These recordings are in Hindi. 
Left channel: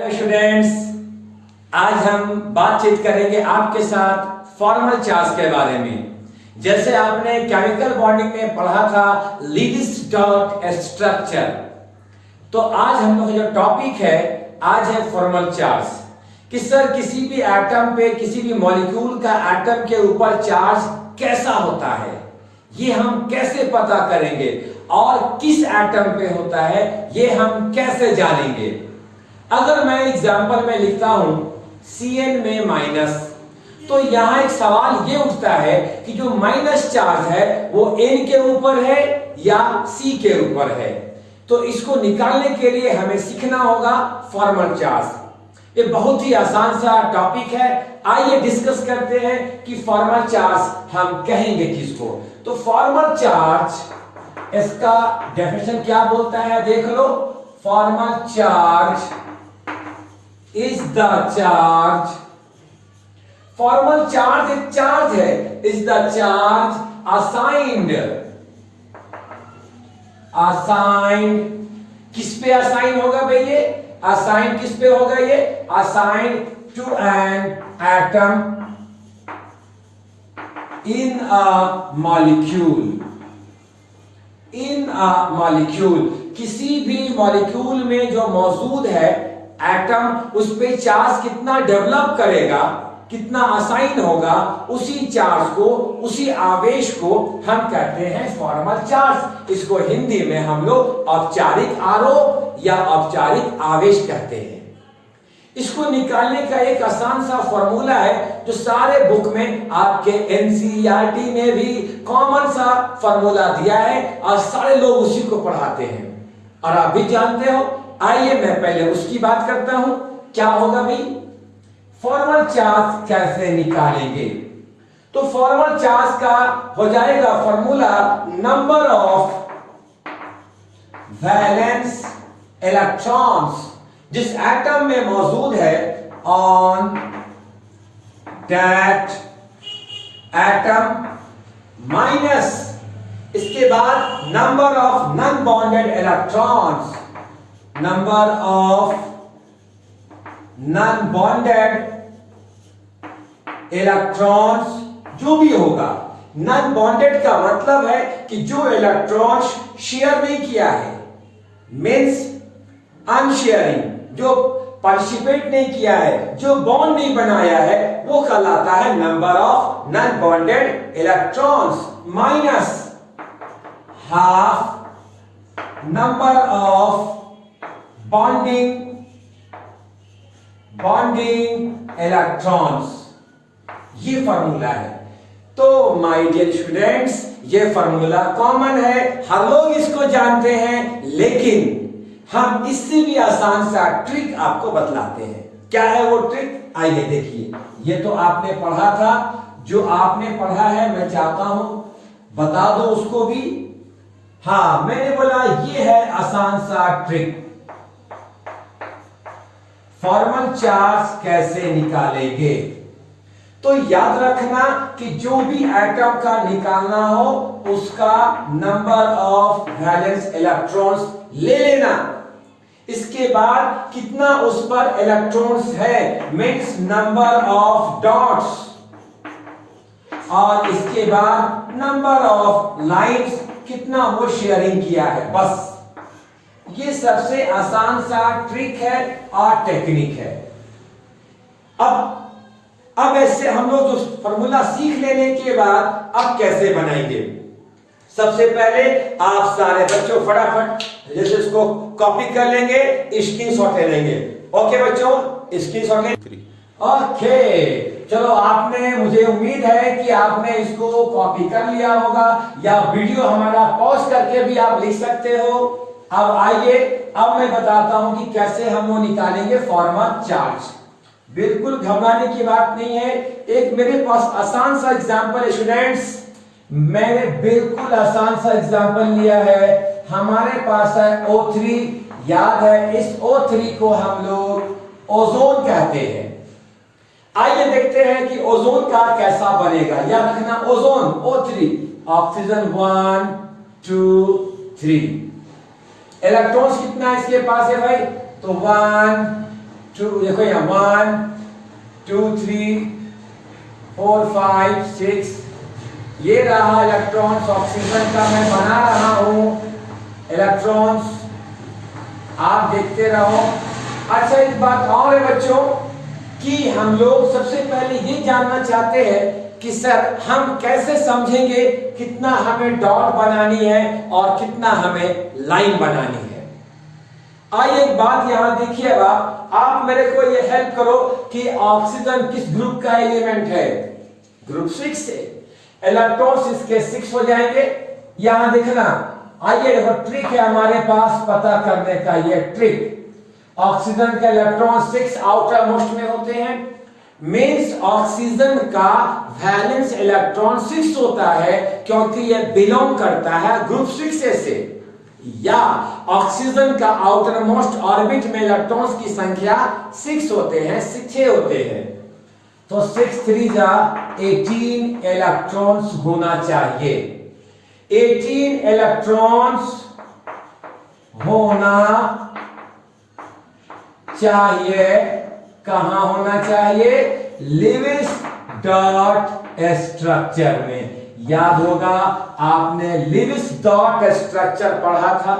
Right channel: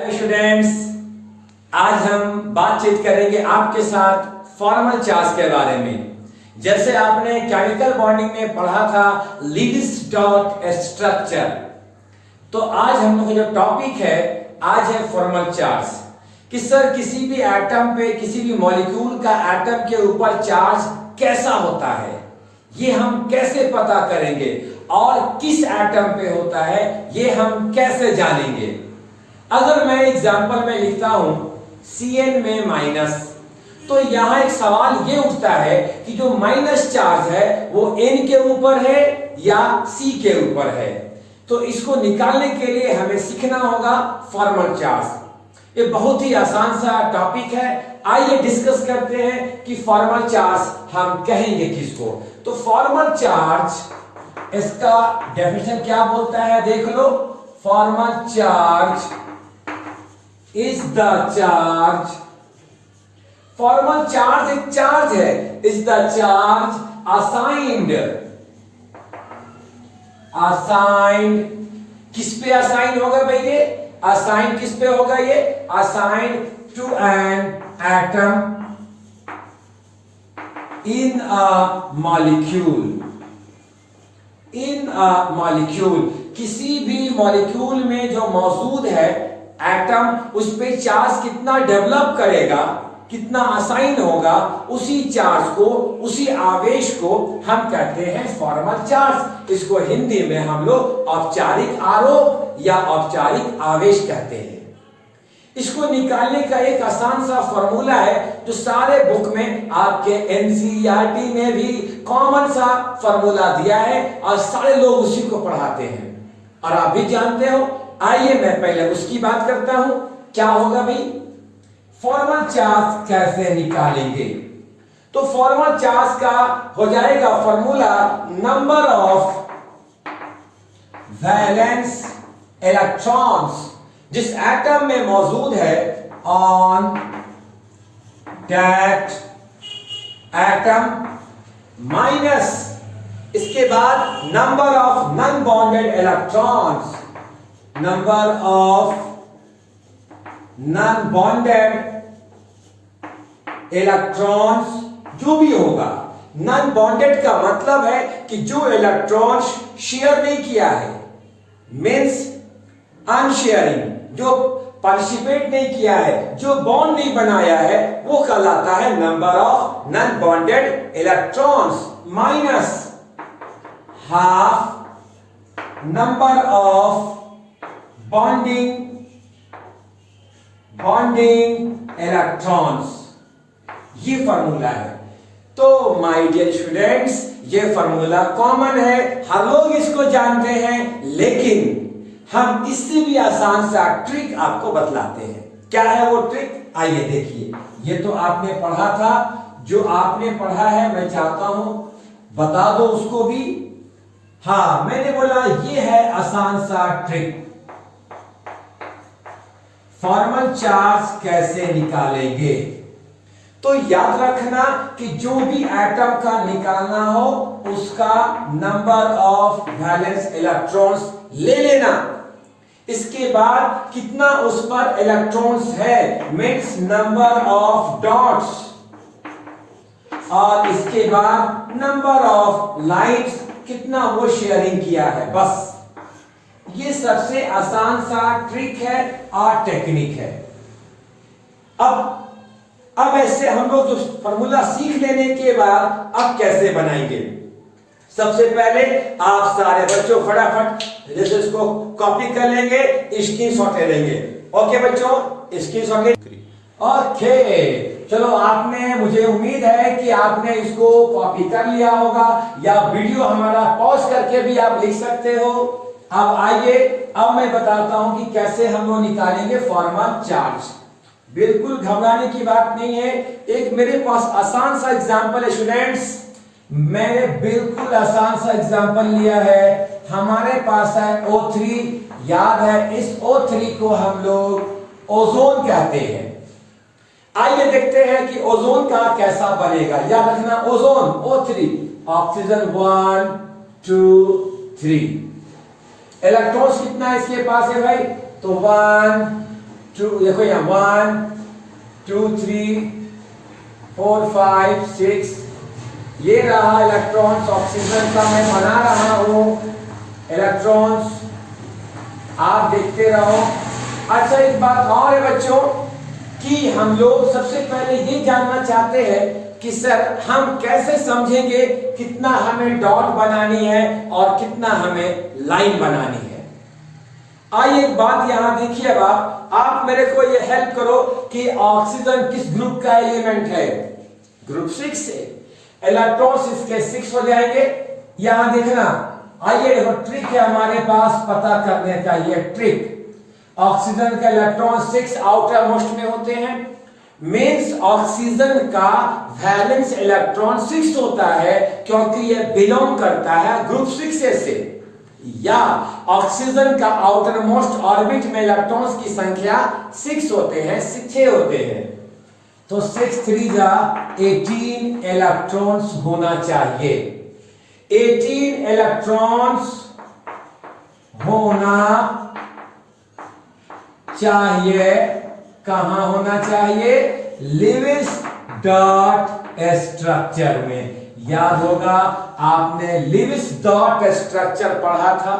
हेलो स्टूडेंट्स, आज हम बातचीत करेंगे आपके साथ फॉर्मल चार्ज के बारे में। जैसे आपने केमिकल बॉन्डिंग में पढ़ा था लीविस-डॉट स्ट्रक्चर, तो आज हम लोग का जो टॉपिक है आज है फॉर्मल चार्ज। कि सर किसी भी एटम पे, किसी भी मॉलिक्यूल का एटम के ऊपर चार्ज कैसा होता है, ये हम कैसे पता करेंगे और किस एटम पे होता है ये हम कैसे जानेंगे। अगर मैं एग्जांपल में लिखता हूं Cn में माइनस, तो यहां एक सवाल ये उठता है कि जो माइनस चार्ज है वो N के ऊपर है या C के ऊपर है। तो इसको निकालने के लिए हमें सीखना होगा फॉर्मल चार्ज। ये बहुत ही आसान सा टॉपिक है। आइए डिस्कस करते हैं कि फॉर्मल चार्ज हम कहेंगे किसको। तो फॉर्मल चार्ज, इसका डेफिनेशन क्या बोलता है देख लो। Formal charge is the charge, formal charge एक चार्ज है, is the charge assigned किस पे असाइन होगा भाई ये? असाइन किस पे होगा ये? Assign to an atom in a molecule. किसी भी मॉलिक्यूल में जो मौजूद है एटम, उस पे चार्ज कितना डेवलप करेगा, कितना असाइन होगा, उसी चार्ज को, उसी आवेश को हम कहते हैं फॉर्मल चार्ज। इसको हिंदी में हम लोग औपचारिक आरोप या औपचारिक आवेश कहते हैं। इसको निकालने का एक आसान सा फॉर्मूला है जो सारे बुक में आपके एनसीईआरटी में भी कॉमन सा फॉर्मूला दिया है और सारे लोग उसी को पढ़ाते हैं और आप भी जानते हो। आइए मैं पहले उसकी बात करता हूं। क्या होगा भाई? फॉर्मल चार्ज कैसे निकालेंगे? तो फॉर्मल चार्ज का हो जाएगा formula number of valence electrons जिस एटम में मौजूद है ऑन दैट एटम माइनस इसके बाद number of non bonded electrons, number of non bonded electrons जो भी होगा। नॉन बॉन्डेड का मतलब है कि जो इलेक्ट्रॉन्स शेयर नहीं किया है, मींस अनशेयरिंग, जो पार्टिसिपेट नहीं किया है, जो बॉन्ड नहीं बनाया है, वो कहलाता है number of non bonded electrons minus half number of bonding electrons. ये फॉर्मूला है। तो माय डियर स्टूडेंट्स, ये फॉर्मूला कॉमन है, हर लोग इसको जानते हैं, लेकिन हम इससे भी आसान सा ट्रिक आपको बतलाते हैं। क्या है वो ट्रिक? आइए देखिए। ये तो आपने पढ़ा था, जो आपने पढ़ा है मैं चाहता हूं बता दो उसको भी। हाँ, मैंने बोला ये है आसान सा ट्रिक। फॉर्मल चार्ज कैसे निकालेंगे? तो याद रखना कि जो भी एटम का निकालना हो उसका नंबर ऑफ वैलेंस इलेक्ट्रॉन्स ले लेना। इसके बाद कितना उस पर इलेक्ट्रॉन्स है, मींस नंबर ऑफ डॉट्स, और इसके बाद नंबर ऑफ लाइन्स, कितना वो शेयरिंग किया है। बस ये सबसे आसान सा ट्रिक है और टेक्निक है। अब ऐसे हम लोग फॉर्मूला सीख लेने के बाद अब कैसे बनाएंगे? सबसे पहले आप सारे बच्चों फटाफट जैसे इसको कॉपी कर लेंगे, स्क्रीनशॉट ले लेंगे। ओके बच्चों, स्क्रीनशॉट ले। ओके, चलो आपने, मुझे उम्मीद है कि आपने इसको कॉपी कर लिया होगा या वीडियो हमारा पॉज करके भी आप लिख सकते हो। अब आइए, अब मैं बताता हूं कि कैसे हम लोग निकालेंगे फॉर्मल चार्ज। बिल्कुल घबराने की बात नहीं है। एक मेरे पास आसान सा एग्जांपल है स्टूडेंट्स, मैंने बिल्कुल आसान सा एग्जांपल लिया है। हमारे पास है O3, याद है इस O3 को हम लोग ओजोन कहते हैं। आइए देखते हैं कि ओजोन का कैसा बनेगा। याद रखना, ओजोन O3, ऑक्सीजन 1 2 3। इलेक्ट्रॉन्स कितना इसके पास है भाई? तो 1 देखो यहाँ 1 2 3 4 5 6 ये रहा इलेक्ट्रॉन्स ऑक्सीजन का मैं बना रहा हूं इलेक्ट्रॉन्स, आप देखते रहो। अच्छा एक बात और है बच्चों कि हम लोग सबसे पहले ये जानना चाहते हैं कि सर हम कैसे समझेंगे कितना हमें डॉट बनानी है और कितना हमें लाइन बनानी है। आइए एक बात यहां देखिए, आप मेरे को ये हेल्प करो कि ऑक्सीजन किस ग्रुप का एलिमेंट है, ग्रुप 6 है। इलेक्ट्रॉन्स इसके 6 हो जाएंगे, यहां देखना। आइए देखो ट्रिक है हमारे पास पता करने का, ये ट्रिक। ऑक्सीजन के इलेक्ट्रॉन 6 आउटर मोस्ट में होते हैं, मींस ऑक्सीजन का वैलेंस इलेक्ट्रॉन 6 होता है क्योंकि ये बिलोंग करता है ग्रुप 6 से। या ऑक्सीजन का आउटर मोस्ट ऑर्बिट में इलेक्ट्रॉन्स की संख्या 6 होते हैं, 6 होते हैं। तो 6 3 जा 18 इलेक्ट्रॉन्स होना चाहिए, 18 इलेक्ट्रॉन्स होना चाहिए। कहां होना चाहिए? लेविस डॉट स्ट्रक्चर में। याद होगा आपने लेविस डॉट स्ट्रक्चर पढ़ा था।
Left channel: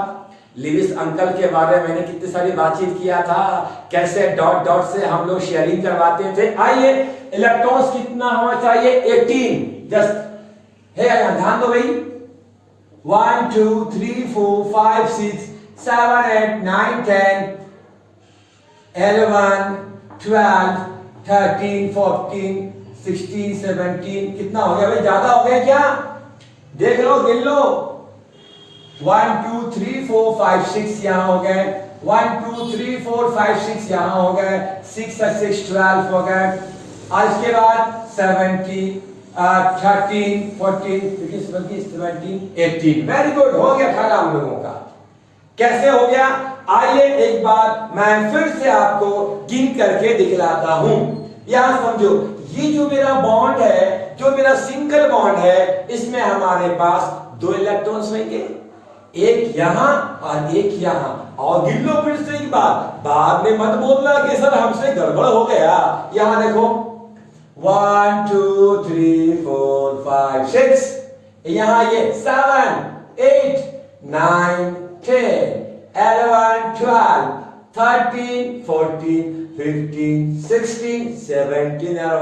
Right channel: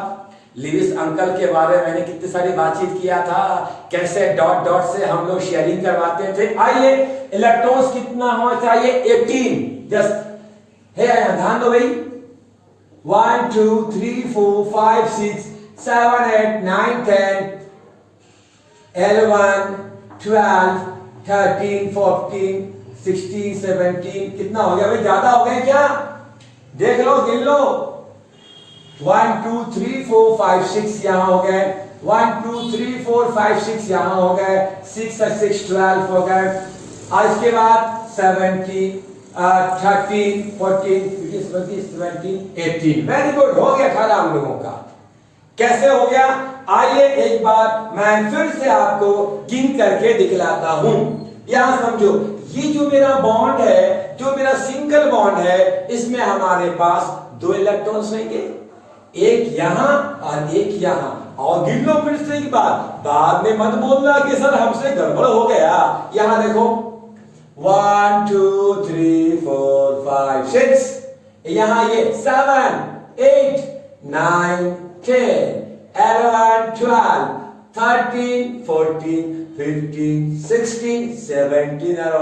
लेविस अंकल के बारे में मैंने कितनी सारी बातचीत किया था, कैसे डॉट डॉट से हम लोग शेयरिंग करवाते थे। आइए इलेक्ट्रॉन्स कितना होना चाहिए? 18। जस्ट है ध्यान दो भाई, 1 2 3 4 5 6 7 8 9 10 11 12 13 14 16 17 कितना हो गया भाई? ज्यादा हो गया क्या? देख लो, गिन लो। 1 2 3 4 5 6 यहां हो गए, 1 2 3 4 5 6 यहां हो गए, 6 और 6 12 हो गए। और इसके बाद 17 13 14 17 18। वेरी गुड, हो गया 18 हम लोगों का। कैसे हो गया? आइए एक बार मैं फिर से आपको गिन करके दिखलाता हूं। यहां समझो, ये जो मेरा बॉन्ड है, जो मेरा सिंगल बॉन्ड है, इसमें हमारे पास 2 इलेक्ट्रॉन्स होंगे, एक यहां और एक यहां। और गिन लो फिर से एक बार, बाद में मत बोलना कि सर हमसे गड़बड़ हो गया। यहां देखो 1 2 3 4 5 6, यहां ये 7 8 9 10 11 12 13 14 15 16 17 और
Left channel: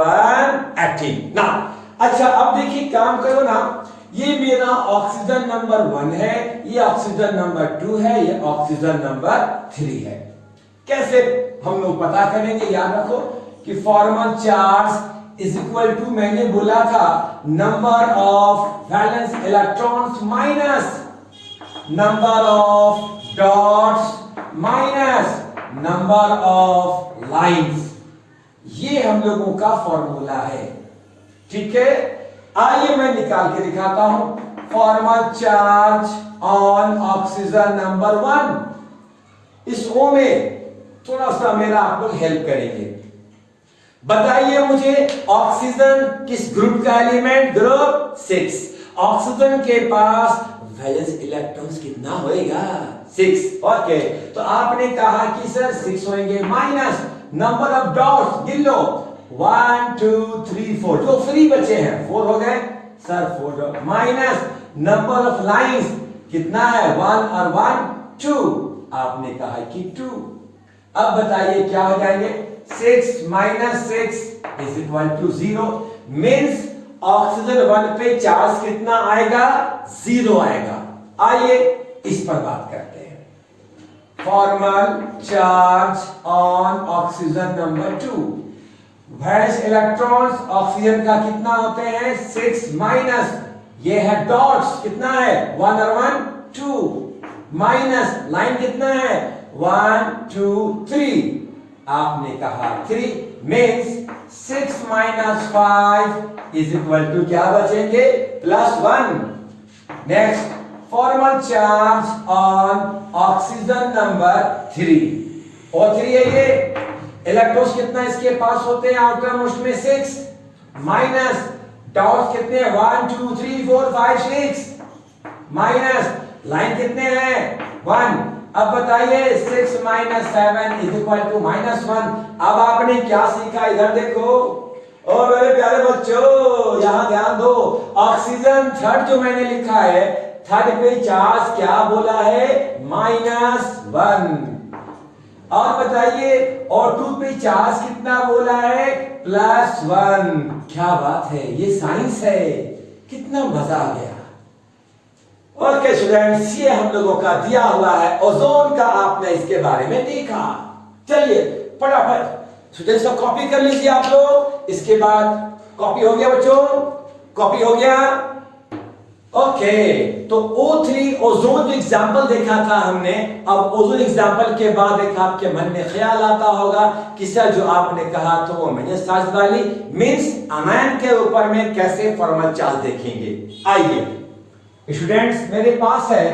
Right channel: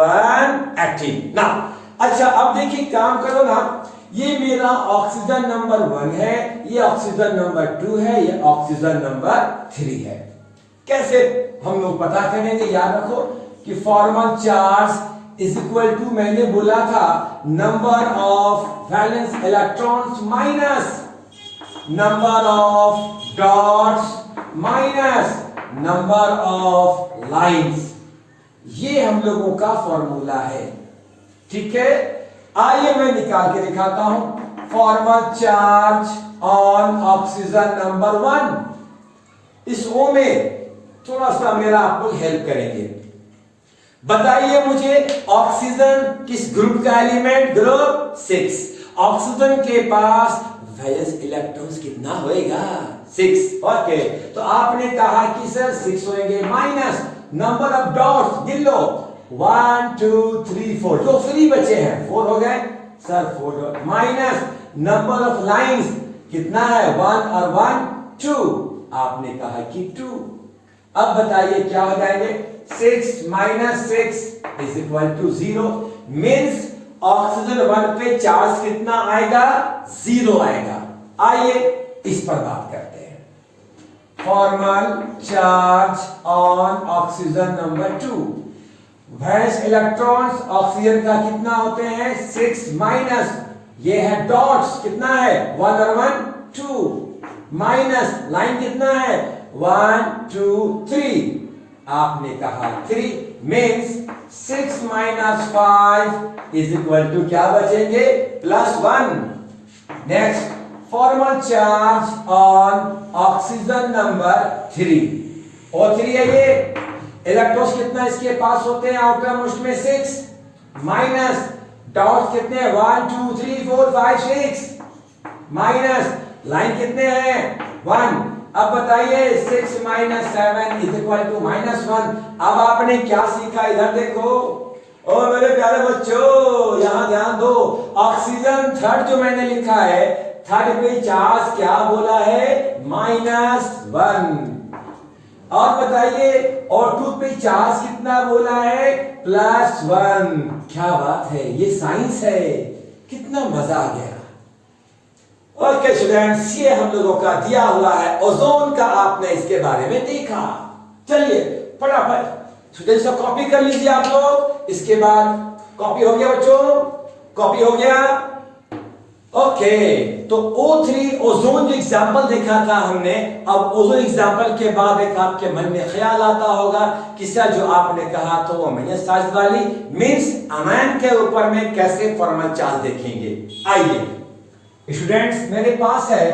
18 ना। अच्छा अब देखिए, काम करो ना, ये मेरा ऑक्सीजन नंबर 1 है, ये ऑक्सीजन नंबर 2 है, ये ऑक्सीजन नंबर 3 है। कैसे हम लोग पता करेंगे? याद रखो कि formal charge is equal to, मैंने बोला था, number of valence electrons minus number of dots minus number of lines. ये हम लोगों का फॉर्मूला है, ठीक है। आइए मैं निकाल के दिखाता हूं। Formal charge on oxygen number 1। इस ओ में थोड़ा सा मेरा आप लोग हेल्प करेंगे। बताइए मुझे, ऑक्सीजन किस ग्रुप का एलिमेंट? ग्रुप 6। ऑक्सीजन के पास वैलेंस इलेक्ट्रॉन्स कितना होएगा? 6। ओके, तो आपने कहा कि सर 6 होंगे, माइनस नंबर ऑफ डॉट्स गिन लो, 1 2 3 4, जो फ्री बचे हैं 4 हो गए sir, 4 dot, minus number of lines कितना है? 1 और 1 2, आपने कहा कि 2। अब बताइए क्या हो जाएंगे? 6 minus 6 is equal to 0। Means oxygen 1 पे चार्ज कितना आएगा? 0 आएगा। आइए इस पर बात करते हैं। Formal charge on oxygen number 2। Valence electrons oxygen का कितना होते हैं? 6 माइनस ये है डॉट्स, कितना है? 1 और 1 2, माइनस लाइन कितना है? 1 2 3, आपने कहा 3। Means 6 minus 5 is equal to क्या बचेंगे? +1। Next, formal charge on oxygen number 3। O3 है ये। इलेक्ट्रॉन्स कितना इसके पास होते हैं आउटर मोस्ट में? 6 माइनस डॉट्स कितने हैं? 1 2 3 4 5 6, माइनस लाइन कितने हैं? 1। अब बताइए 6 माइनस 7 इज इक्वल टू -1। अब आपने क्या सीखा इधर देखो। और मेरे प्यारे बच्चों यहां ध्यान दो, ऑक्सीजन थर्ड जो मैंने लिखा है, थर्ड पे चार्ज क्या बोला है, -1। और बताइए O2 पे चार्ज कितना बोला है, +1। क्या बात है, ये साइंस है, कितना मजा आ गया। ओके स्टूडेंट्स, ये हम लोगों का दिया हुआ है ओजोन का, आपने इसके बारे में देखा। चलिए फटाफट स्टूडेंट्स को कॉपी कर लीजिए आप लोग। इसके बाद कॉपी हो गया बच्चों, कॉपी हो गया। ओके तो O3 ओजोन जो एग्जांपल देखा था हमने, अब ओजोन एग्जांपल के बाद एक आपके मन में ख्याल आता होगा किस्सा जो आपने कहा तो वो माइनस चार्ज वाली मींस अनायन के ऊपर में कैसे फॉर्मल चार्ज देखेंगे। आइए स्टूडेंट्स, मेरे पास है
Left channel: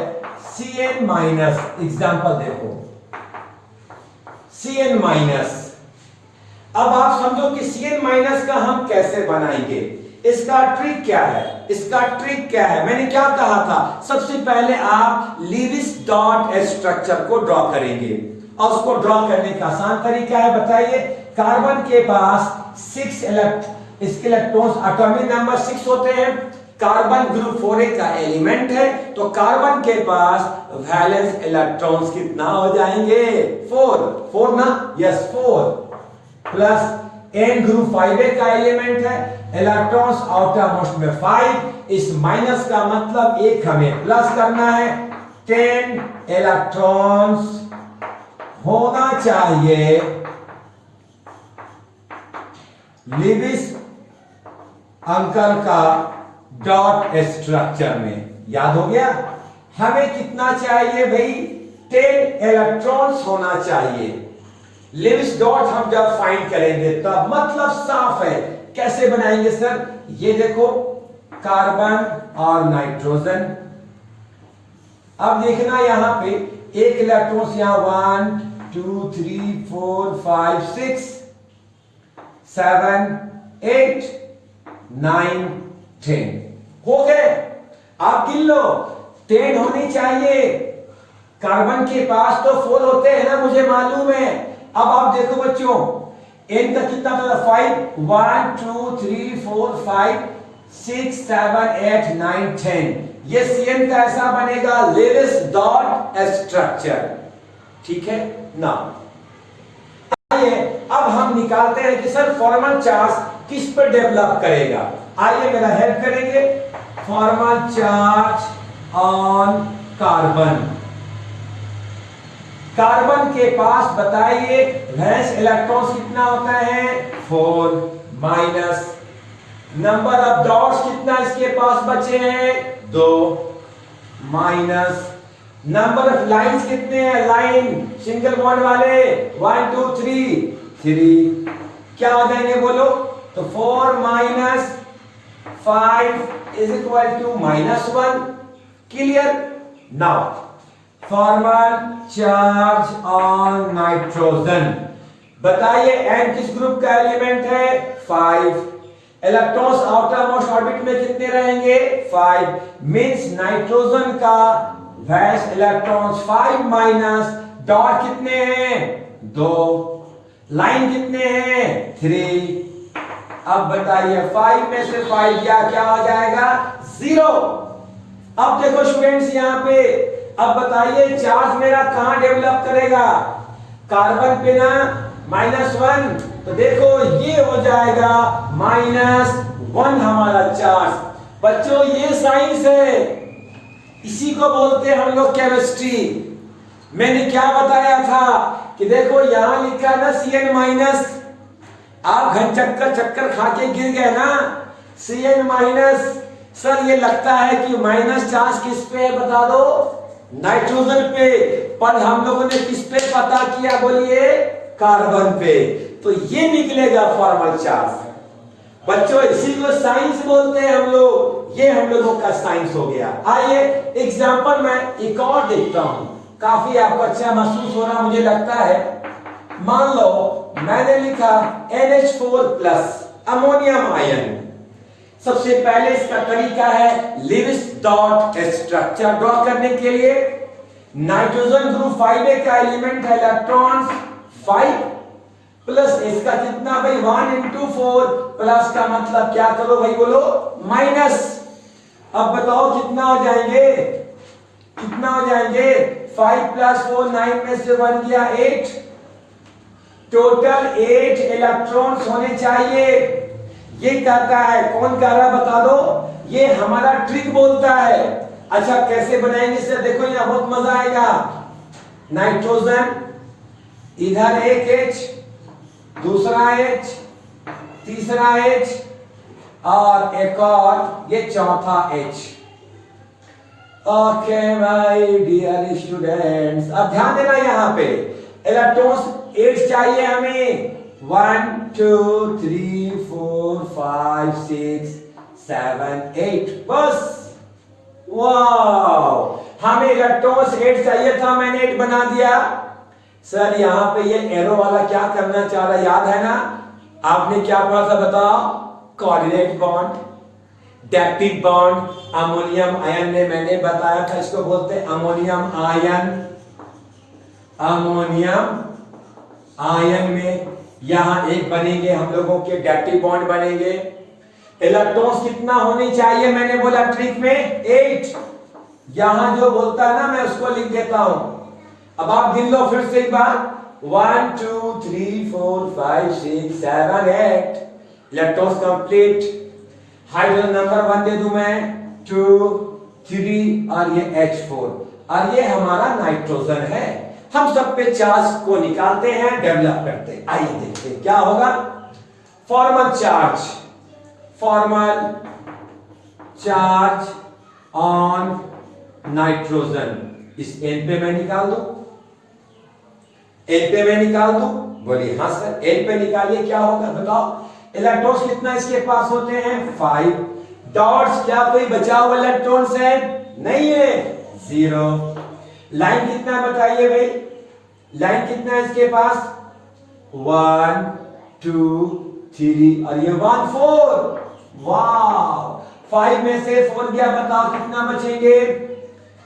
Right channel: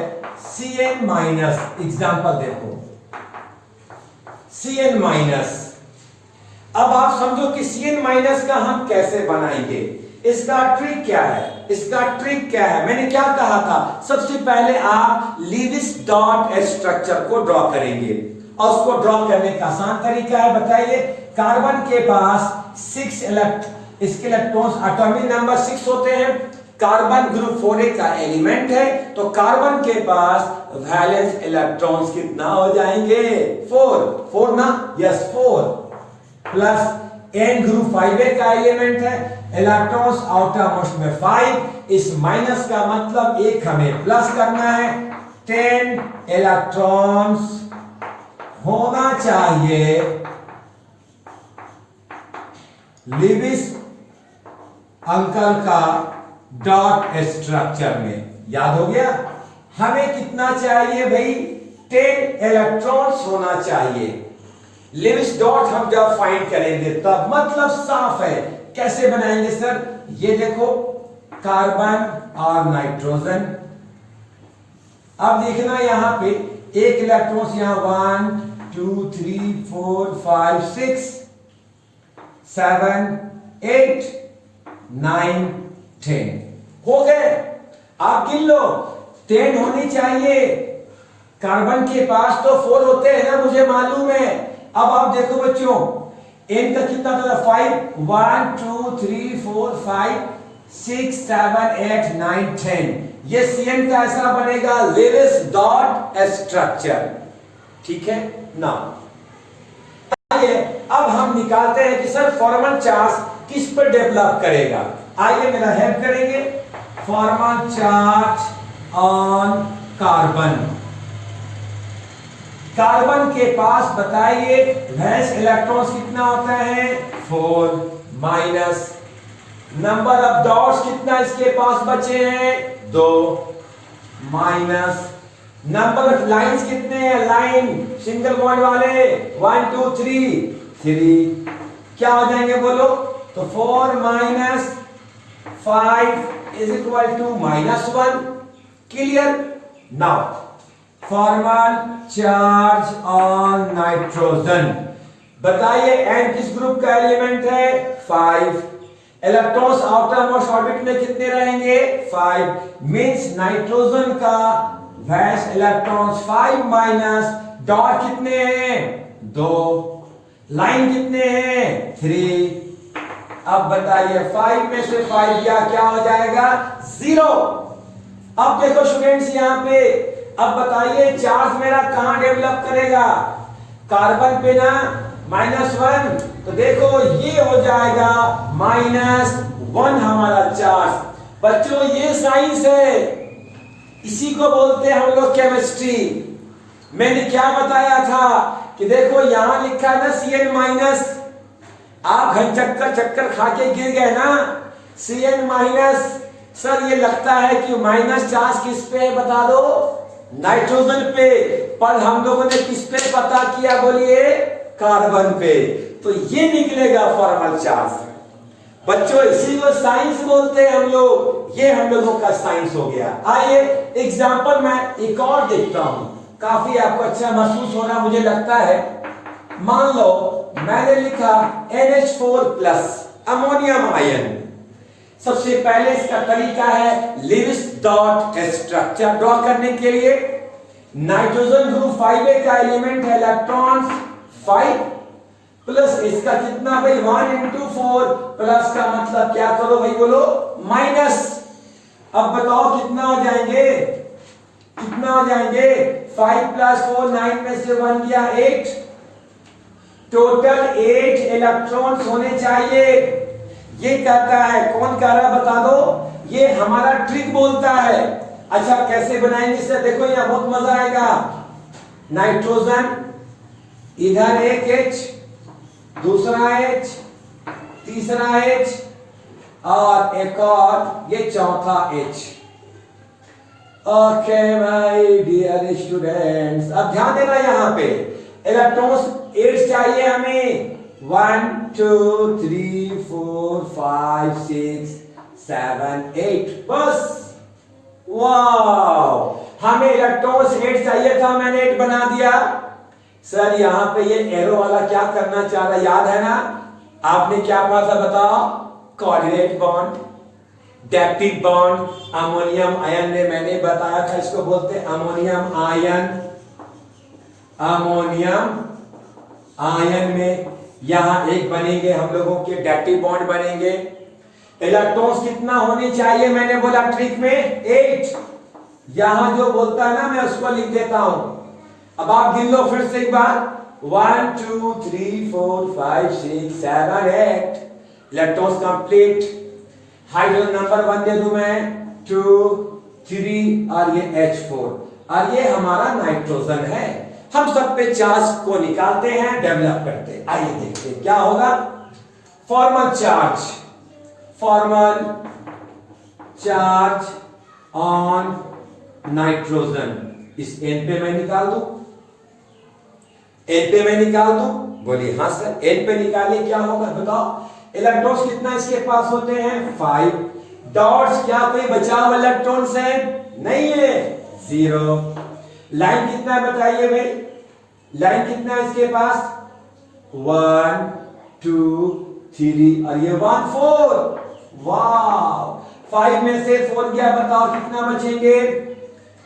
Cn माइनस, एग्जांपल देखो Cn माइनस। अब आप समझो कि Cn माइनस का हम कैसे बनाएंगे, इसका ट्रिक क्या है, इसका ट्रिक क्या है। मैंने क्या कहा था, सबसे पहले आप लीविस डॉट स्ट्रक्चर को ड्रॉ करेंगे और उसको ड्रॉ करने का आसान तरीका है, बताइए। कार्बन के पास 6 इसके इलेक्ट्रॉन्स एटॉमिक नंबर 6 होते हैं। कार्बन ग्रुप 4a का एलिमेंट है, तो कार्बन के पास वैलेंस इलेक्ट्रॉन्स कितना हो जाएंगे, 4 ना, yes 4 plus N group 5a का एलिमेंट है, इलेक्ट्रॉन्स आउटर मोस्ट में 5, इस माइनस का मतलब एक हमें प्लस करना है, 10 इलेक्ट्रॉन्स होना चाहिए लीविस अंकल का डॉट स्ट्रक्चर में। याद हो गया, हमें कितना चाहिए भाई, 10 इलेक्ट्रॉन्स होना चाहिए। लीविस डॉट हम जब फाइंड करेंगे तब मतलब साफ है। कैसे बनाएंगे सर, ये देखो कार्बन और नाइट्रोजन। अब देखना यहां पे एक इलेक्ट्रॉन्स यहां 1 2 3 4 5 6 7 8 9 10 हो गए। आप गिन लो, 10 होनी चाहिए। कार्बन के पास तो 4 होते हैं ना, मुझे मालूम है। अब आप देखो बच्चों, एन का कितना था, 5 1 2 3 4 5 6 7 8 9 10। ये Cn का ऐसा बनेगा लीविस डॉट स्ट्रक्चर, ठीक है ना। आइए अब हम निकालते हैं कि सर फॉर्मल चार्ज किस पर डेवलप करेगा। आइए मेरा हेल्प करेंगे, formal charge on carbon. Carbon के पास बताइए वैलेंस इलेक्ट्रॉन्स कितना होता है, 4 माइनस नंबर ऑफ डॉट्स कितना इसके पास बचे हैं, 2 माइनस नंबर ऑफ लाइंस कितने हैं, लाइन सिंगल बॉन्ड वाले 1 2 3 क्या हो जाएंगे बोलो, तो 4 minus 5 is equal to -1। Clear. Now formal charge on nitrogen, बताइए एन किस ग्रुप का एलिमेंट है, 5। इलेक्ट्रॉन्स आउटर मोस्ट ऑर्बिट में कितने रहेंगे, 5। मींस नाइट्रोजन का वैलेंस इलेक्ट्रॉन्स 5 माइनस डॉट कितने हैं, 2, लाइन कितने हैं, 3। अब बताइए 5 में से 5 गया क्या हो जाएगा, 0। अब देखो स्टूडेंट्स यहां पे, अब बताइए चार्ज मेरा कहां डेवलप करेगा, कार्बन पे ना, -1। तो देखो ये हो जाएगा -1 हमारा चार्ज। बच्चों ये साइंस है, इसी को बोलते हैं हम लोग केमिस्ट्री। मैंने क्या बताया था कि देखो यहां लिखा है ना Cn माइनस, आप घन चक्कर खा के गिर गए ना, Cn माइनस। सर ये लगता है कि माइनस चार्ज किस पे बता दो, नाइट्रोजन पे, पर हम लोगों ने किस पे पता किया बोलिए, कार्बन पे। तो ये निकलेगा फॉर्मल चार्ज। बच्चों इसी को साइंस बोलते हैं हम लोग, ये हम लोगों का साइंस हो गया। आइए एग्जांपल मैं एक और देखता हूं, काफी आपको अच्छा महसूस हो रहा मुझे लगता है। मान लो मैंने लिखा NH4+ अमोनियम आयन। सबसे पहले इसका तरीका है लीविस डॉट स्ट्रक्चर ड्रॉ करने के लिए। नाइट्रोजन ग्रुप 5a का एलिमेंट है इलेक्ट्रॉन्स 5 प्लस इसका कितना भाई 1 इंटू 4 प्लस का मतलब क्या करो भाई बोलो माइनस। अब बताओ कितना हो जाएंगे, कितना हो जाएंगे 5 प्लस 4 9 में से 1 गया 8, टोटल 8 इलेक्ट्रॉन्स होने चाहिए। ये कहता है, कौन कह रहा है बता दो, ये हमारा ट्रिक बोलता है। अच्छा कैसे बनाएंगे इसे देखो, यहां बहुत मजा आएगा। नाइट्रोजन इधर एक H, दूसरा H, तीसरा H और एक और ये चौथा H। Okay my dear students, अब ध्यान देना यहां पे इलेक्ट्रॉन्स 8 चाहिए हमें, 1 2 3 4 5 6 7 8 बस। वाओ, हमें इलेक्ट्रॉन्स 8 चाहिए था, मैंने 8 बना दिया। सर यहां पे ये एरो वाला क्या करना चाह रहा है, याद है ना आपने क्या पढ़ा था बताओ, कोऑर्डिनेट बॉन्ड, डैक्टिक बॉन्ड, अमोनियम आयन में मैंने बताया था इसको बोलते हैं अमोनियम आयन। अमोनियम आयन में यहां एक बनेंगे हम लोगों के डैक्टिक बॉन्ड बनेंगे। इलेक्ट्रॉन्स कितना होनी चाहिए मैंने बोला ट्रिक में 8, यहां जो बोलता है ना मैं उसको लिख देता हूं। अब आप गिन लो फिर से एक बार, 1 2 3 4 5 6 7 8 इलेक्ट्रॉन्स कंप्लीट। हाइड्रोजन नंबर 1 दे दूं मैं, 2 3 और ये H4 और ये हमारा नाइट्रोजन है। हम सब पे चार्ज को निकालते हैं, डेवलप करते हैं। आइए देखते हैं क्या होगा। Formal charge, formal charge on nitrogen, इस N पे मैं निकाल दूं, N पे मैं निकाल दूं, बोलिए हाँ सर N पे निकालिए क्या होगा बताओ। इलेक्ट्रॉन्स कितना इसके पास होते हैं 5, डॉट्स क्या कोई बचा हुआ इलेक्ट्रॉन्स है नहीं है 0। लाइन कितना है बताइए भाई, लाइन कितना है इसके पास 1 2 3 और ये 1 4। वाह, 5 में से 4 गया, बताओ कितना बचेंगे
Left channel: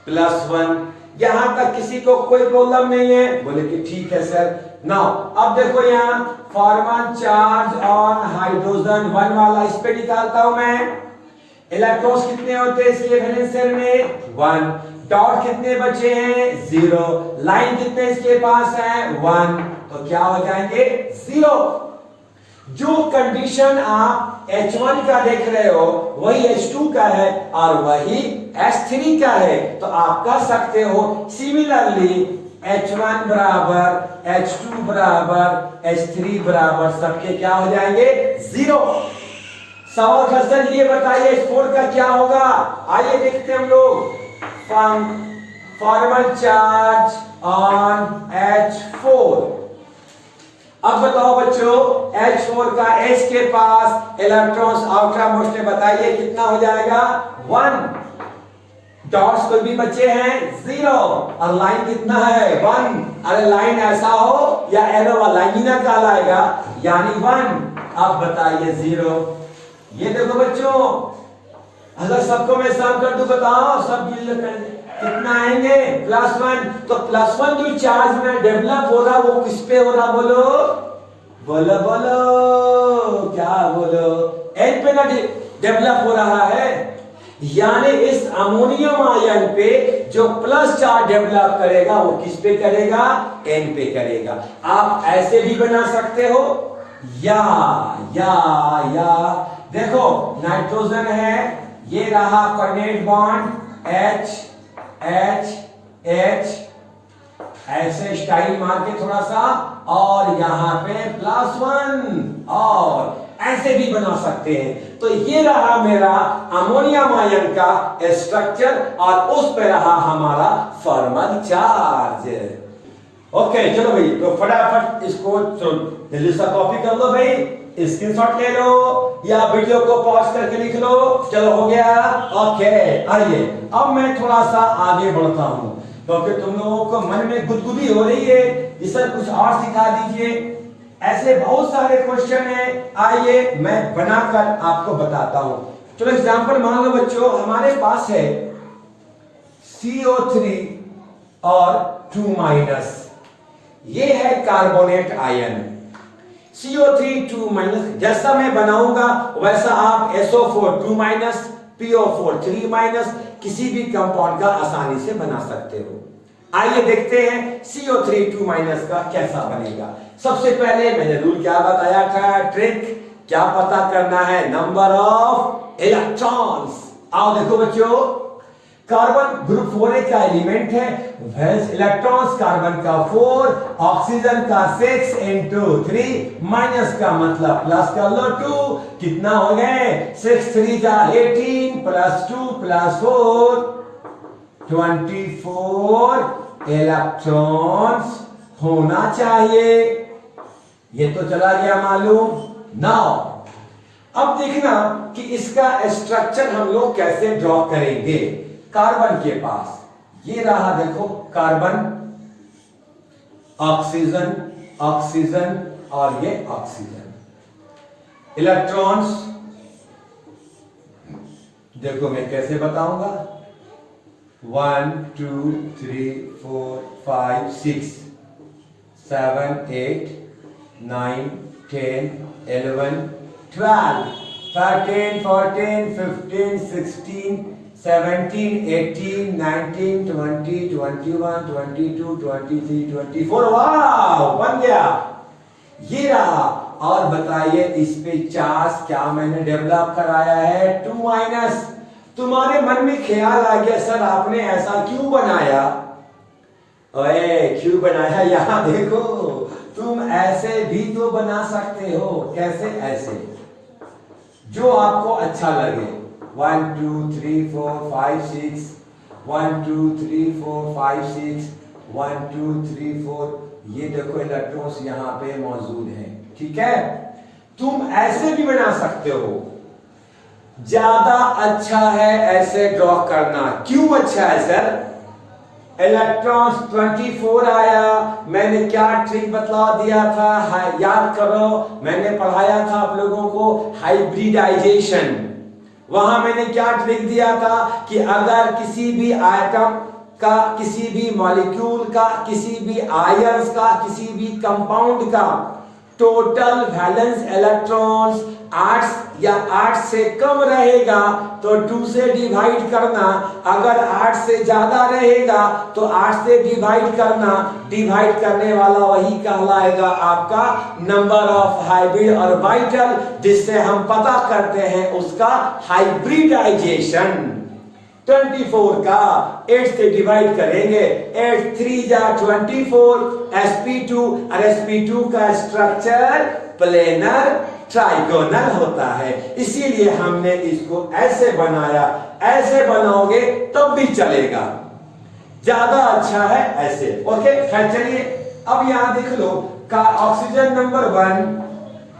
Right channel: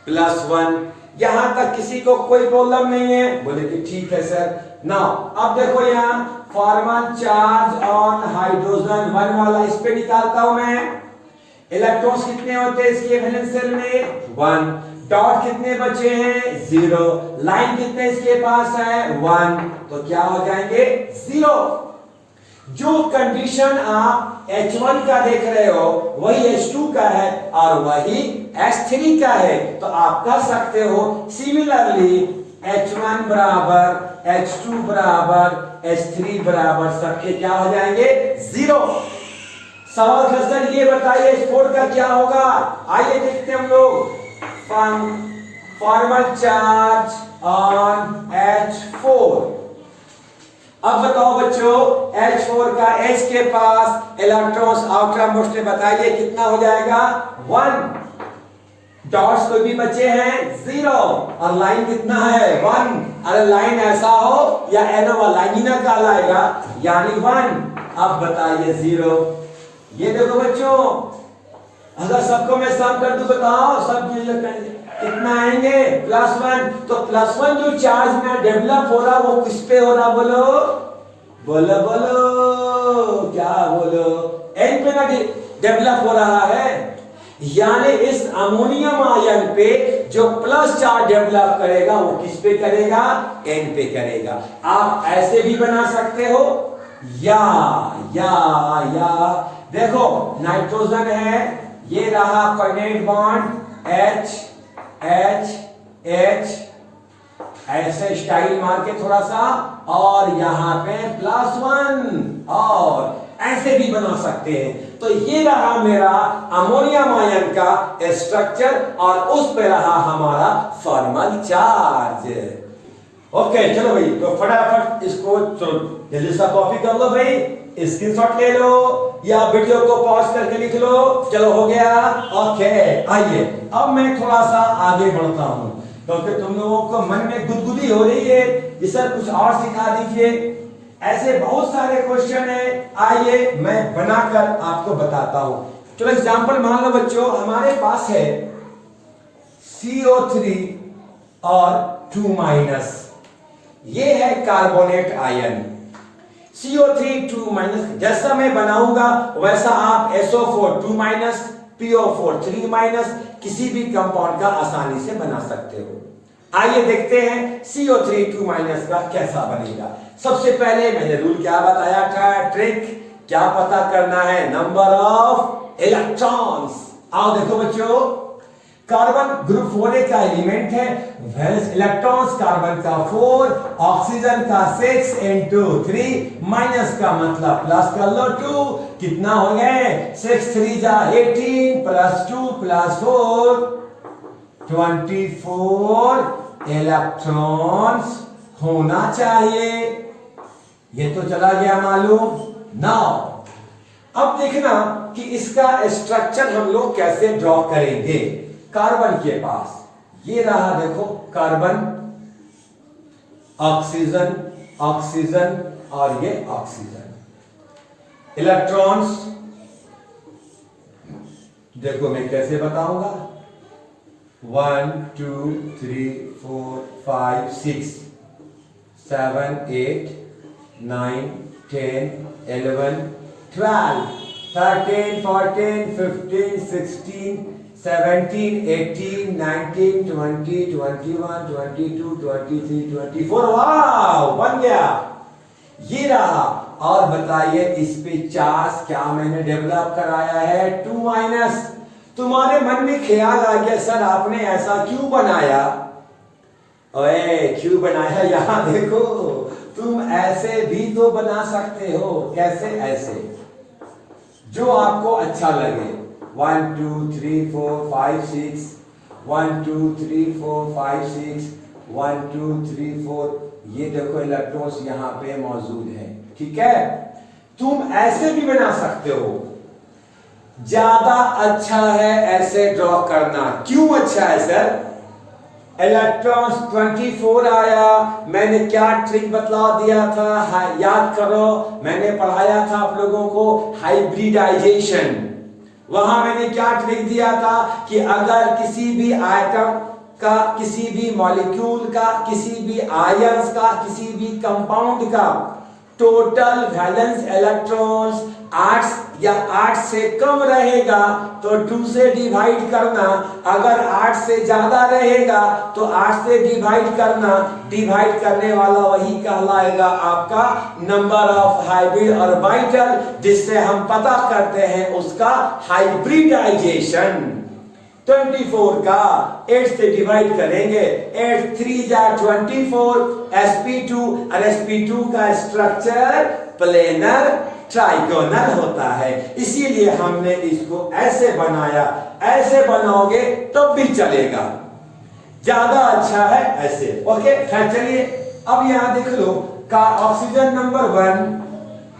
+1। यहां तक किसी को कोई प्रॉब्लम नहीं है, बोले कि ठीक है सर। नाउ अब देखो यहां फॉर्मल चार्ज ऑन हाइड्रोजन 1 वाला इस पे निकालता हूं मैं। इलेक्ट्रॉन्स कितने होते हैं इसके वैलेंस शेल में 1, डॉट कितने बचे हैं 0, लाइन कितने इसके पास है 1, तो क्या हो जाएंगे 0। जो कंडीशन आप H1 का देख रहे हो वही H2 का है और वही H3 का है, तो आप कर सकते हो सिमिलरली H1 बराबर H2 बराबर H3 बराबर सबके क्या हो जाएंगे 0। सवाल क्वेश्चन ये बताइए H4 का क्या होगा, आइए देखते हम लोग। Formal charge on H4। अब बताओ बच्चों H4 का H के पास इलेक्ट्रॉन्स आउटर मोस्ट में बताइए कितना हो जाएगा 1, डॉट्स कोई भी बचे हैं 0 और लाइन कितना है 1। अरे लाइन ऐसा हो या एरो वाला लाइन ही ना कहलाएगा यानी 1। अब बताइए 0। ये देखो बच्चों अगर सबको मैं सम कर दूं बताओ सब कितना आएंगे +1। तो +1 जो चार्ज में डेवलप हो रहा वो किस पे हो रहा बोलो बोलो बोलो क्या बोलो N पे ना डेवलप हो रहा है, यानी इस अमोनियम आयन पे जो प्लस चार्ज डेवलप करेगा वो किस पे करेगा N पे करेगा। आप ऐसे भी बना सकते हो या देखो नाइट्रोजन है, ये रहा coordinate bond H H H ऐसे स्टाइल मार के थोड़ा सा और यहां पे +1 और ऐसे भी बना सकते हैं। तो ये रहा मेरा अमोनियम आयन का स्ट्रक्चर और उस पे रहा हमारा फॉर्मल चार्ज। ओके चलो भाई, तो फटाफट इसको जल्दी सा कॉपी कर लो भाई, स्क्रीनशॉट ले लो या वीडियो को पॉज करके लिख लो। चलो हो गया। ओके आइए अब मैं थोड़ा सा आगे बढ़ता हूं क्योंकि तुम लोगों को मन में गुदगुदी हो रही है कि सर कुछ और सिखा दीजिए। ऐसे बहुत सारे क्वेश्चन है, आइए मैं बनाकर आपको बताता हूं। चलो एग्जांपल मान लो बच्चों, हमारे पास है CO3 और 2 माइनस। ये है कार्बोनेट आयन। CO3 2 minus. जैसा मैं बनाऊंगा वैसा आप SO4 2 माइनस, PO4 3 माइनस किसी भी कंपाउंड का आसानी से बना सकते हो। आइए देखते हैं CO3 2 माइनस का कैसा बनेगा। सबसे पहले मैंने रूल क्या बताया था, ट्रिक क्या पता करना है, नंबर ऑफ इलेक्ट्रॉन्स। आओ देखो बच्चों, कार्बन ग्रुप 4A का एलिमेंट है, इलेक्ट्रॉन्स कार्बन का 4, ऑक्सीजन का 6 into 3 माइनस का मतलब प्लस कर लो 2, कितना हो गए 6 3 जा 18 प्लस 2 प्लस 4 24 इलेक्ट्रॉन्स होना चाहिए। ये तो चला गया मालूम। नाउ अब देखना कि इसका स्ट्रक्चर हम लोग कैसे ड्रॉ करेंगे। कार्बन के पास ये रहा, देखो कार्बन, ऑक्सीजन, ऑक्सीजन और ये ऑक्सीजन। इलेक्ट्रॉन्स देखो मैं कैसे बताऊंगा, 1 2 3 4 5 6 7 8 9 10 11 12 13 14 15 16 17 18 19 20 21 22 23 24। वाह बन गया, ये रहा। और बताइए इस पे चार्ज क्या मैंने डेवलप कराया है, 2 माइनस। तुम्हारे मन में ख्याल आ गया सर आपने ऐसा क्यों बनाया, ओए क्यों बनाया, यहां देखो तुम ऐसे भी तो बना सकते हो। कैसे, ऐसे जो आपको अच्छा लगे, 1 2 3 4 5 6 1 2 3 4 5 6 1 2 3 4। ये देखो इलेक्ट्रॉन्स यहां पे मौजूद है, ठीक है। तुम ऐसे भी बना सकते हो, ज्यादा अच्छा है ऐसे ड्रॉ करना। क्यों अच्छा है सर, इलेक्ट्रॉन्स 24 आया, मैंने क्या ट्रिक बतला दिया था, याद करो मैंने पढ़ाया था आप लोगों को हाइब्रिडाइजेशन। वहां मैंने क्या ट्रिक दिया था कि अगर किसी भी आइटम का, किसी भी मॉलिक्यूल का, किसी भी आयंस का, किसी भी कंपाउंड का टोटल वैलेंस इलेक्ट्रॉन्स 8 या 8 से कम रहेगा तो 2 से डिवाइड करना, अगर 8 से ज्यादा रहेगा तो 8 से डिवाइड करना, डिवाइड करने वाला वही कहलाएगा आपका नंबर ऑफ हाइब्रिड ऑर्बिटल, जिससे हम पता करते हैं उसका हाइब्रिडाइजेशन। 24 का 8 से डिवाइड करेंगे, 8 3 जा 24, sp2 और sp2 का स्ट्रक्चर प्लेनर ट्राइगोनल होता है, इसीलिए हमने इसको ऐसे बनाया। ऐसे बनाओगे तब भी चलेगा, ज्यादा अच्छा है ऐसे। ओके खैर चलिए, अब यहां देख लो का ऑक्सीजन नंबर 1,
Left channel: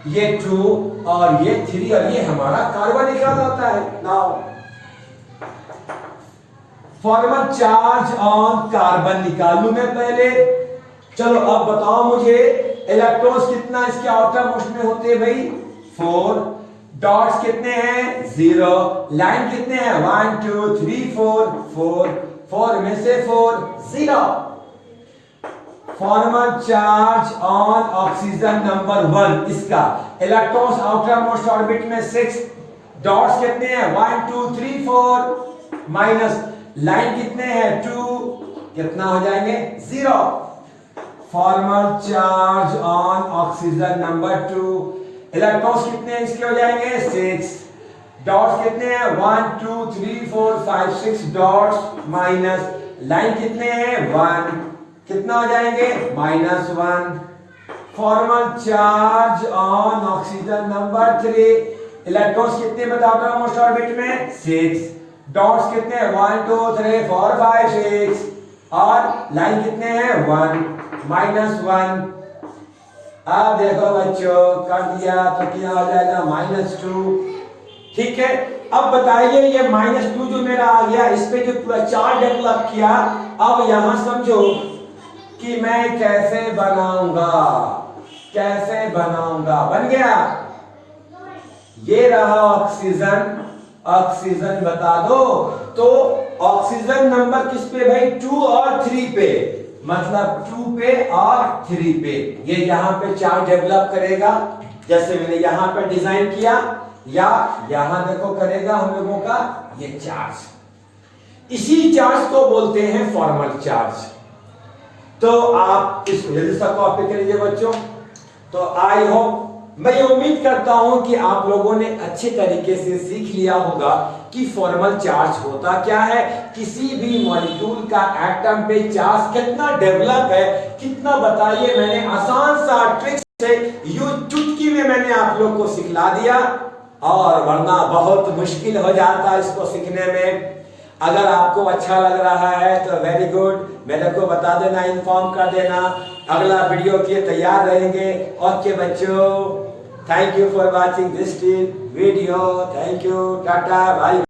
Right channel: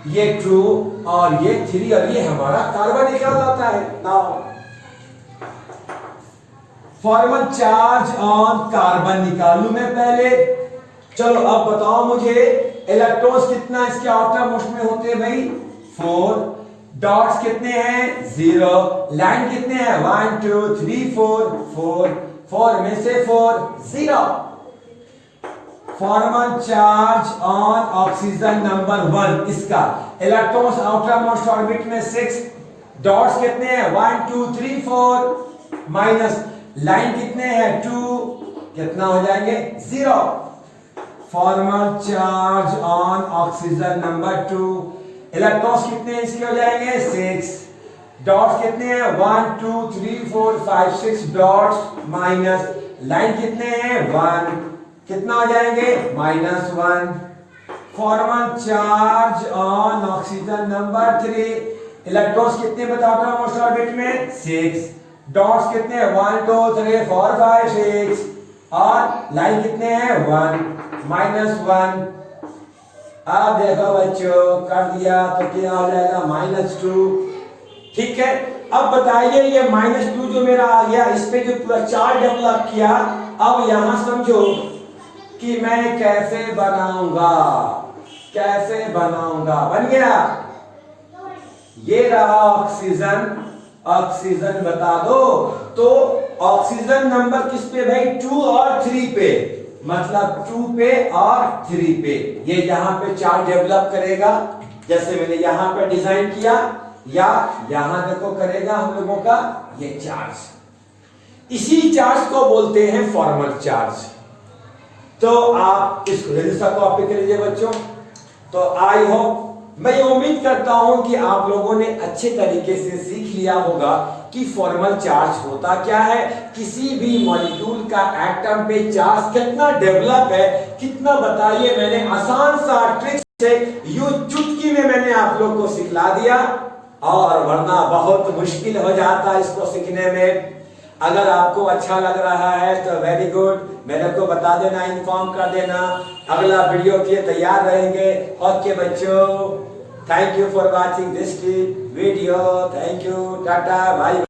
ये 2 और ये 3 और ये हमारा कार्बन निकल आता है। Now formal charge on carbon निकालू मैं पहले। चलो अब बताओ मुझे इलेक्ट्रॉन्स कितना इसके आउटर मोस्ट में होते हैं भाई, 4, डॉट्स कितने हैं 0, लाइन कितने हैं 1 2 3 4 4 में से 4 0। Formal charge on oxygen number 1, इसका इलेक्ट्रॉन्स आउटर मोस्ट ऑर्बिट में 6, डॉट्स कितने हैं 1 2 3 4 माइनस लाइन कितने हैं 2, कितना हो जाएंगे 0। Formal charge on oxygen number 2, electrons कितने हैं इसके हो जाएंगे 6, डॉट्स कितने हैं 1 2 3 4 5 6 डॉट्स माइनस लाइन कितने हैं 1, कितना हो जाएंगे -1। Formal charge on oxygen number 3, electrons कितने बताओ मोस्ट ऑर्बिट में 6, डॉट्स कितने हैं 1 2 3 4 5 6 और लाइन कितने हैं 1 -1। अब देखो बच्चों कर दिया तो क्या हो जाएगा -2, ठीक है। अब बताइए ये -2 जो मेरा आ गया, इस पे जो पूरा चार्ज डेवलप किया, अब यहां समझो कि मैं कैसे बनाऊंगा, कैसे बनाऊंगा। बन गया, ये रहा ऑक्सीजन, ऑक्सीजन बता दो तो ऑक्सीजन नंबर किस पे भाई 2 और और 3 पे, मतलब 2 पे और 3 पे ये यहां पे चार्ज डेवलप करेगा, जैसे मैंने यहां पे डिजाइन किया, या यहां देखो करेगा हम लोगों का ये चार्ज। इसी चार्ज को बोलते हैं फॉर्मल चार्ज। तो आप इसको जल्दी से कॉपी कर लीजिए बच्चों। तो आई होप, मैं ये उम्मीद करता हूं कि आप लोगों ने अच्छे तरीके से सीख लिया होगा कि फॉर्मल चार्ज होता क्या है, किसी भी मॉलिक्यूल का एटम पे चार्ज कितना डेवलप है, कितना बताइए। मैंने आसान सा ट्रिक से यूं चुटकी में मैंने आप लोग को सिखला दिया, और वरना बहुत मुश्किल हो जाता इसको सीखने में। अगर आपको अच्छा लग रहा है तो वेरी गुड, मेरे को बता देना, इन्फॉर्म कर देना, अगला वीडियो के लिए तैयार रहेंगे। ओके बच्चों, thank you for watching this video, thank you, tata, bye.